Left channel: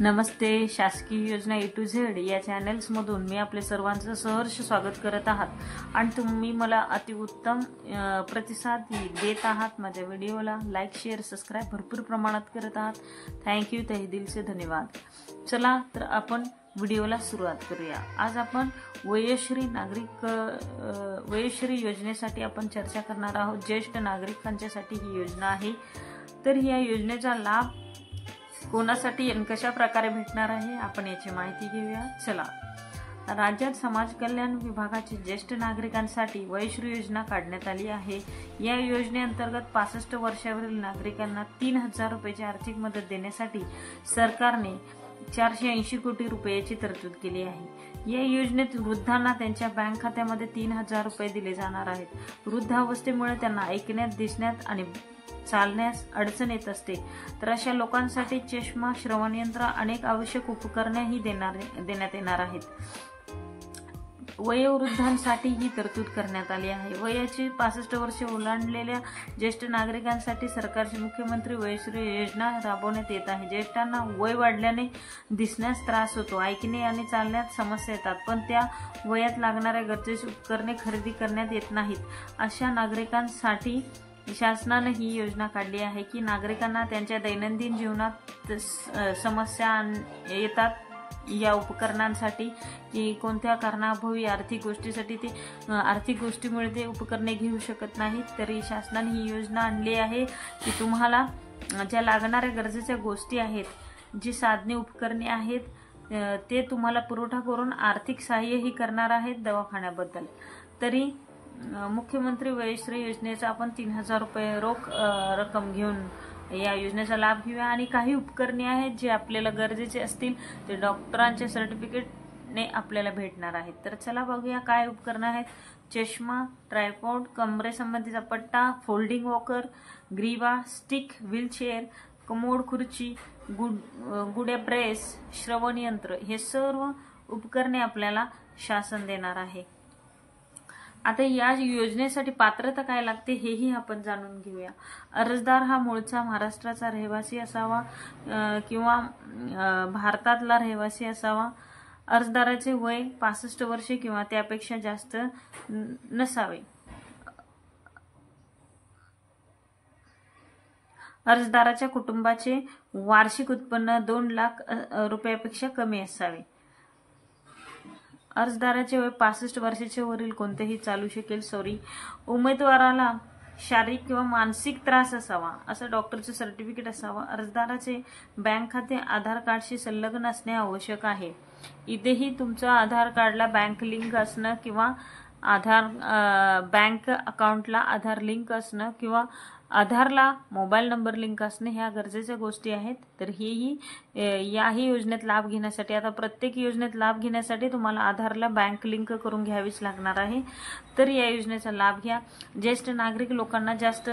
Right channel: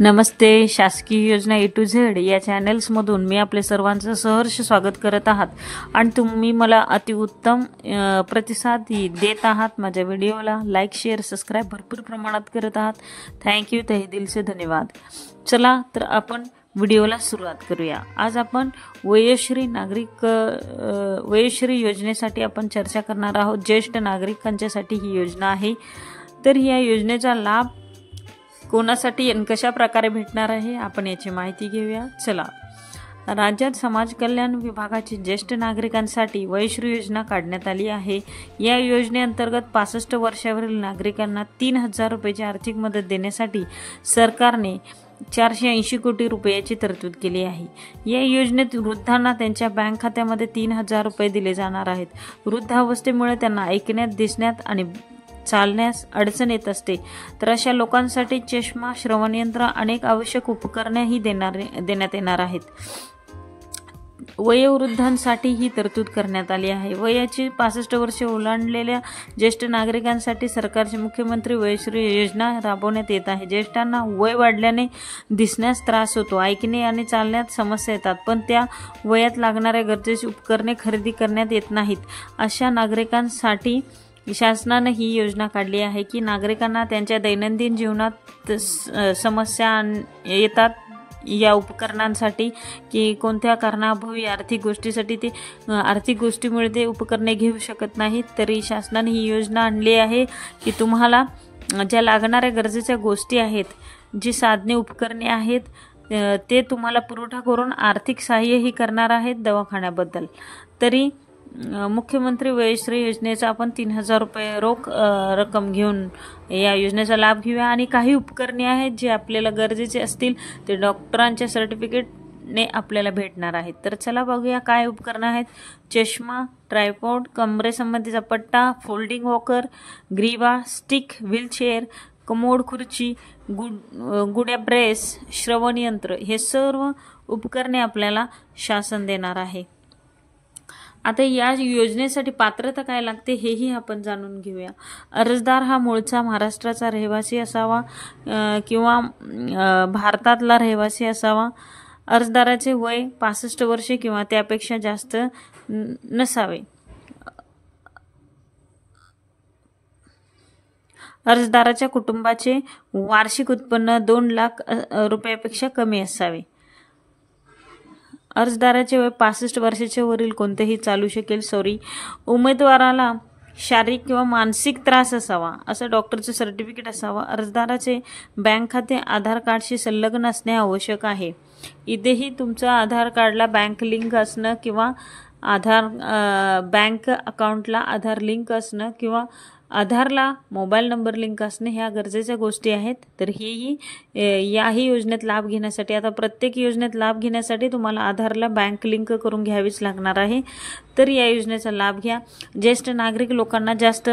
नमस्ते. शासकीय योजना ए to Z या चॅनल्समधून मी आपले सर्वांचं सहर्ष स्वागत करत आहात आणि तुम्ही मला अतिउत्तम प्रतिसाद देत आहात. माझ्या व्हिडिओला लाईक शेअर सबस्क्राईब भरपूर प्रमाणात करत आहात. थँक्यू. तहे दिल से धन्यवाद. चला तर आपण व्हिडिओला सुरुवात करूया. आज आपण वयोश्री योजनेसाठी आपण चर्चा करणार आहोत. ज्येष्ठ नागरिकांच्यासाठी ही योजना आहे. तर या योजनेचा लाभ कोणासाठी आणि कशा प्रकारे भेटणार आहे आपण याची माहिती घेऊया. चला. राज्यात समाज कल्याण विभागाची ज्येष्ठ नागरिकांसाठी वयोश्री योजना काढण्यात आली आहे. या योजनेअंतर्गत 65 वर्षावरील नागरिकांना 3,000 रुपयाची आर्थिक मदत देण्यासाठी सरकारने 480 कोटी रुपयाची तरतूद केली आहे. या योजनेत वृद्धांना त्यांच्या बँक खात्यामध्ये 3,000 रुपये दिले जाणार आहेत. वृद्धावस्थेमुळे त्यांना ऐकण्यात, दिसण्यात आणि चालण्यास अडचण येत असते, तर अशा लोकांसाठी चष्मा, श्रवणयंत्र, अनेक आवश्यक उपकरणेही देण्यात येणार आहेत. वयोवृद्धांसाठी ही तरतूद करण्यात आली आहे. वयाची 65 वर्षे ओलांडलेल्या ज्येष्ठ नागरिकांसाठी सरकारची मुख्यमंत्री वयोश्री योजना राबवण्यात येत आहे. ज्येष्ठांना वय वाढल्याने दिसण्यास त्रास होतो, ऐकणे आणि चालण्यात समस्या येतात, पण त्या वयात लागणाऱ्या गरजेची उपकरणे खरेदी करण्यात येत नाहीत. अशा नागरिकांसाठी शासनाने ही योजना काढली आहे की नागरिकांना त्यांच्या दैनंदिन जीवनात समस्या येतात या उपकरणांसाठी, की कोणत्या कारणाअभावी आर्थिक गोष्टीमुळे ते उपकरणे घेऊ शकत नाहीत. तरी शासनाने ही योजना आणली आहे की तुम्हाला ज्या लागणाऱ्या गरजेच्या गोष्टी आहेत, जी साधने उपकरणे आहेत, ते तुम्हाला पुरवठा करून आर्थिक सहाय्यही करणार आहेत दवाखान्याबद्दल. तरी मुख्यमंत्री वयोश्री योजनेचा आपण 3,000 रुपये रोख रक्कम घेऊन या योजनेचा लाभ घेऊया. आणि काही उपकरणे आहेत जे आपल्याला गरजेचे असतील, ते डॉक्टरांच्या सर्टिफिकेटने आपल्याला भेटणार आहेत. तर चला बघूया काय उपकरणं आहेत. चष्मा, ट्रायपॉड, कमरेसंबंधीचा पट्टा, फोल्डिंग वॉकर, ग्रीवा, स्टिक, व्हीलचेअर, कमोड खुर्ची, गुड्या ब्रेस, श्रवणयंत्र, हे सर्व उपकरणे आपल्याला शासन देणार आहे. आता या योजनेसाठी पात्रता काय लागते हेही आपण जाणून घेऊया. अर्जदार हा मूळचा महाराष्ट्राचा रहिवासी असावा किंवा भारतातला रहिवासी असावा. अर्जदाराचे वय 65 वर्षे किंवा त्यापेक्षा जास्त नसावे. अर्जदाराच्या कुटुंबाचे वार्षिक उत्पन्न 2 लाख रुपयापेक्षा कमी असावे. अर्जदाराचे वय 65 वर्षाच्या वरील कोणतेही चालू शकेल. उमेदवाराला शारीरिक किंवा मानसिक त्रास असावा, असं डॉक्टरचं सर्टिफिकेट असावं. अर्जदाराचे बँक खाते आधार कार्डशी संलग्न असणे आवश्यक आहे. इथेही तुमचं आधार कार्डला बँक लिंक असणं किंवा बँक अकाउंटला आधार लिंक असणं किंवा आधारला मोबाईल नंबर लिंक असणे ह्या गरजेच्या गोष्टी आहेत. तर याही योजनेत लाभ घेण्यासाठी, आता प्रत्येक योजनेत लाभ घेण्यासाठी तुम्हाला आधारला बँक लिंक करून घ्यावीच लागणार आहे. तर या योजनेचा लाभ घ्या. ज्येष्ठ नागरिक लोकांना जास्त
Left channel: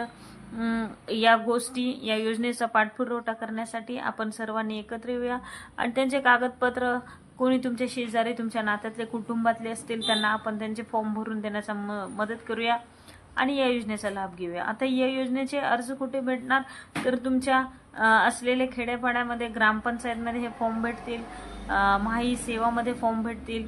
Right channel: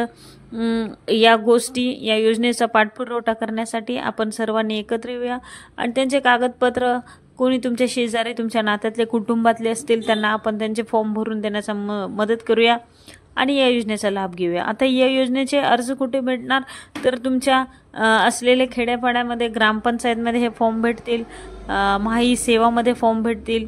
या योजनेचा पाठपुरावा करण्यासाठी आपण सर्वांनी एकत्र येऊया आणि त्यांचे कागदपत्र, कोणी तुमच्या शेजारी, तुमच्या नात्यातले, कुटुंबातले असतील, त्यांना आपण त्यांचे फॉर्म भरून देण्याचा मदत करूया आणि या योजनेचा लाभ घेऊया. आता या योजनेचे अर्ज कुठे भेटणार, तर तुमच्या असलेल्या खेड्यापाड्यामध्ये ग्रामपंचायतमध्ये हे फॉर्म भेटतील, महाई सेवामध्ये फॉर्म भेटतील,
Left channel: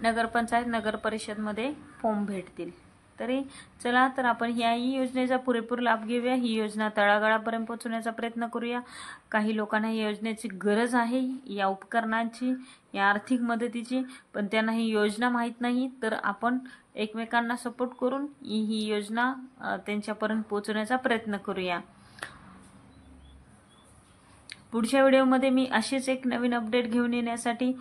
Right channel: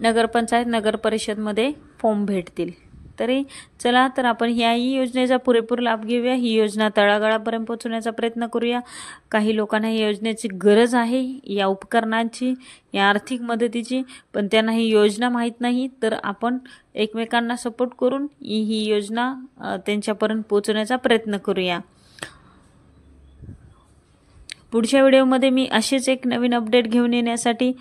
नगरपंचायत, नगरपरिषदमध्ये फॉर्म भेटतील. तरी चला तर आपण याही योजनेचा पुरेपूर लाभ घेऊया. ही योजना तळागाळापर्यंत पोहोचवण्याचा प्रयत्न करूया. काही लोकांना या योजनेची गरज आहे, या उपकरणांची, या आर्थिक मदतीची, पण त्यांना ही योजना माहीत नाही. तर आपण एकमेकांना सपोर्ट करून ही योजना त्यांच्यापर्यंत पोहोचवण्याचा प्रयत्न करूया. पुढच्या व्हिडिओमध्ये मी असेच एक नवीन अपडेट घेऊन येण्यासाठी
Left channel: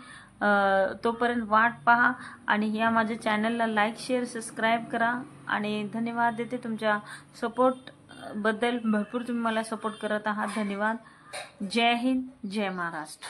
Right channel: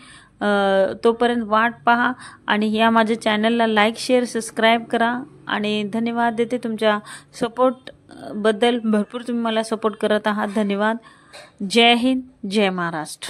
तोपर्यंत वाट पहा आणि या माझ्या चॅनलला लाईक शेअर सबस्क्राईब करा. आणि धन्यवाद देते तुमच्या सपोर्टबद्दल. भरपूर तुम्ही मला सपोर्ट करत आहात. धन्यवाद. जय हिंद, जय महाराष्ट्र.